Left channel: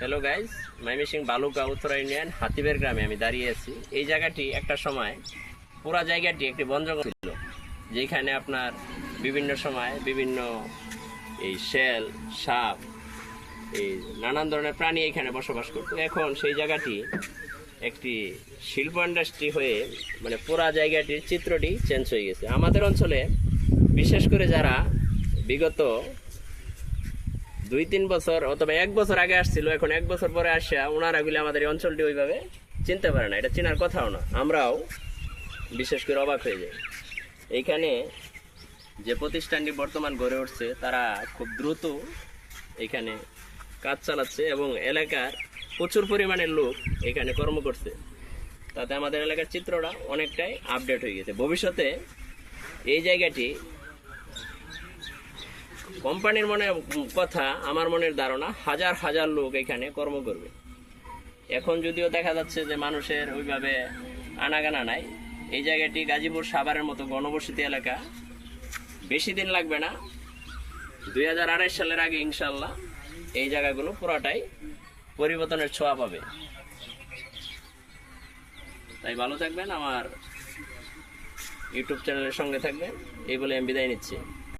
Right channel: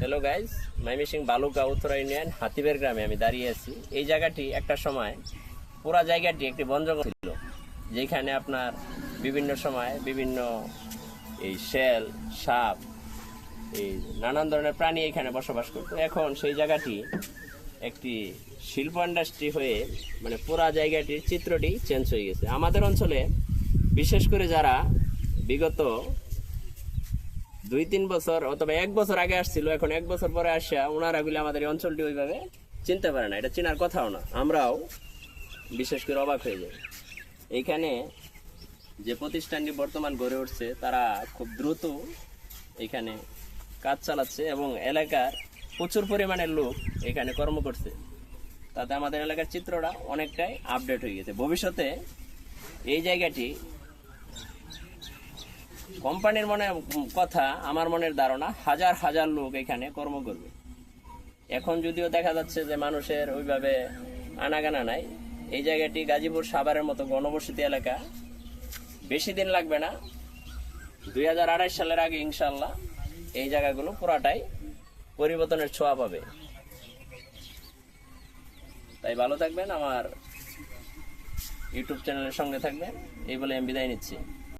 Hello guys, Mymensingh Baluka Uttara union হাতিবের গ্রামে আমি দাঁড়িয়ে আছি। এই জায়গাটি একটা সময় পুরা জায়গাটি একটি বন জঙ্গল ছিল, যেখানে আপনার বিভিন্ন সময় বিভিন্ন এই শেল, সাপ, এই নানান ধরনের প্রাণী এখানে বসবাস করতো। এখন সেই জায়গাটি একটি শিল্প ইন্ডাস্ট্রি হয়ে মানে পুরা জায়গাটির চিত্রটি চেঞ্জ হয়ে গেছে। আমাদের অঞ্চলে বিশেষ করে যারা বিগত 2-3 বছর অথবা 1 বছর আগে আসছিল, এখন 1 বছর পরে আসা ওনারা গুলি আমাদের এই অঞ্চলটি ওইভাবে চিনতে পারে না, এটা চেনার কথাও না। আমরাও বিশেষ করে অবাক হয়ে যাই। এইখানে যে প্রতিষ্ঠানটি বর্তমান গড়ে উঠছে তারা খুব দ্রুত এখানে কাজ চালাচ্ছে এবং এলাকার প্রচুর পরিমাণের লোক এখানে কর্ম করছে। তাতে আমাদের এলাকার চিত্রটা অনেকটাই আপডেট হয়ে গেছে। ভবিষ্যতে এই জায়গাটি কোম্পানির মনে কথা, আমার মনের ধারণা হাজার হাজার লোক এখানে কর্ম করবে। এখন যদিও দেখা যাচ্ছে যে মানুষের ওইভাবে আনাগানা নাই। এই জায়গাটি গাজীপুর সাভারের মতো ঘনবসতি এলাকা, বেশি দিন লাগবে না, 2028 সালের আগে ইনশাল্লাহ এই জায়গাগুলো পুরাটাই পরিবর্তনের ছোঁয়া পাবে। তাই ভালো থাকবেন, আমার ইউটিউব চ্যানেলের সঙ্গে থাকবেন। এই বলে আমি বিদায় নিচ্ছি।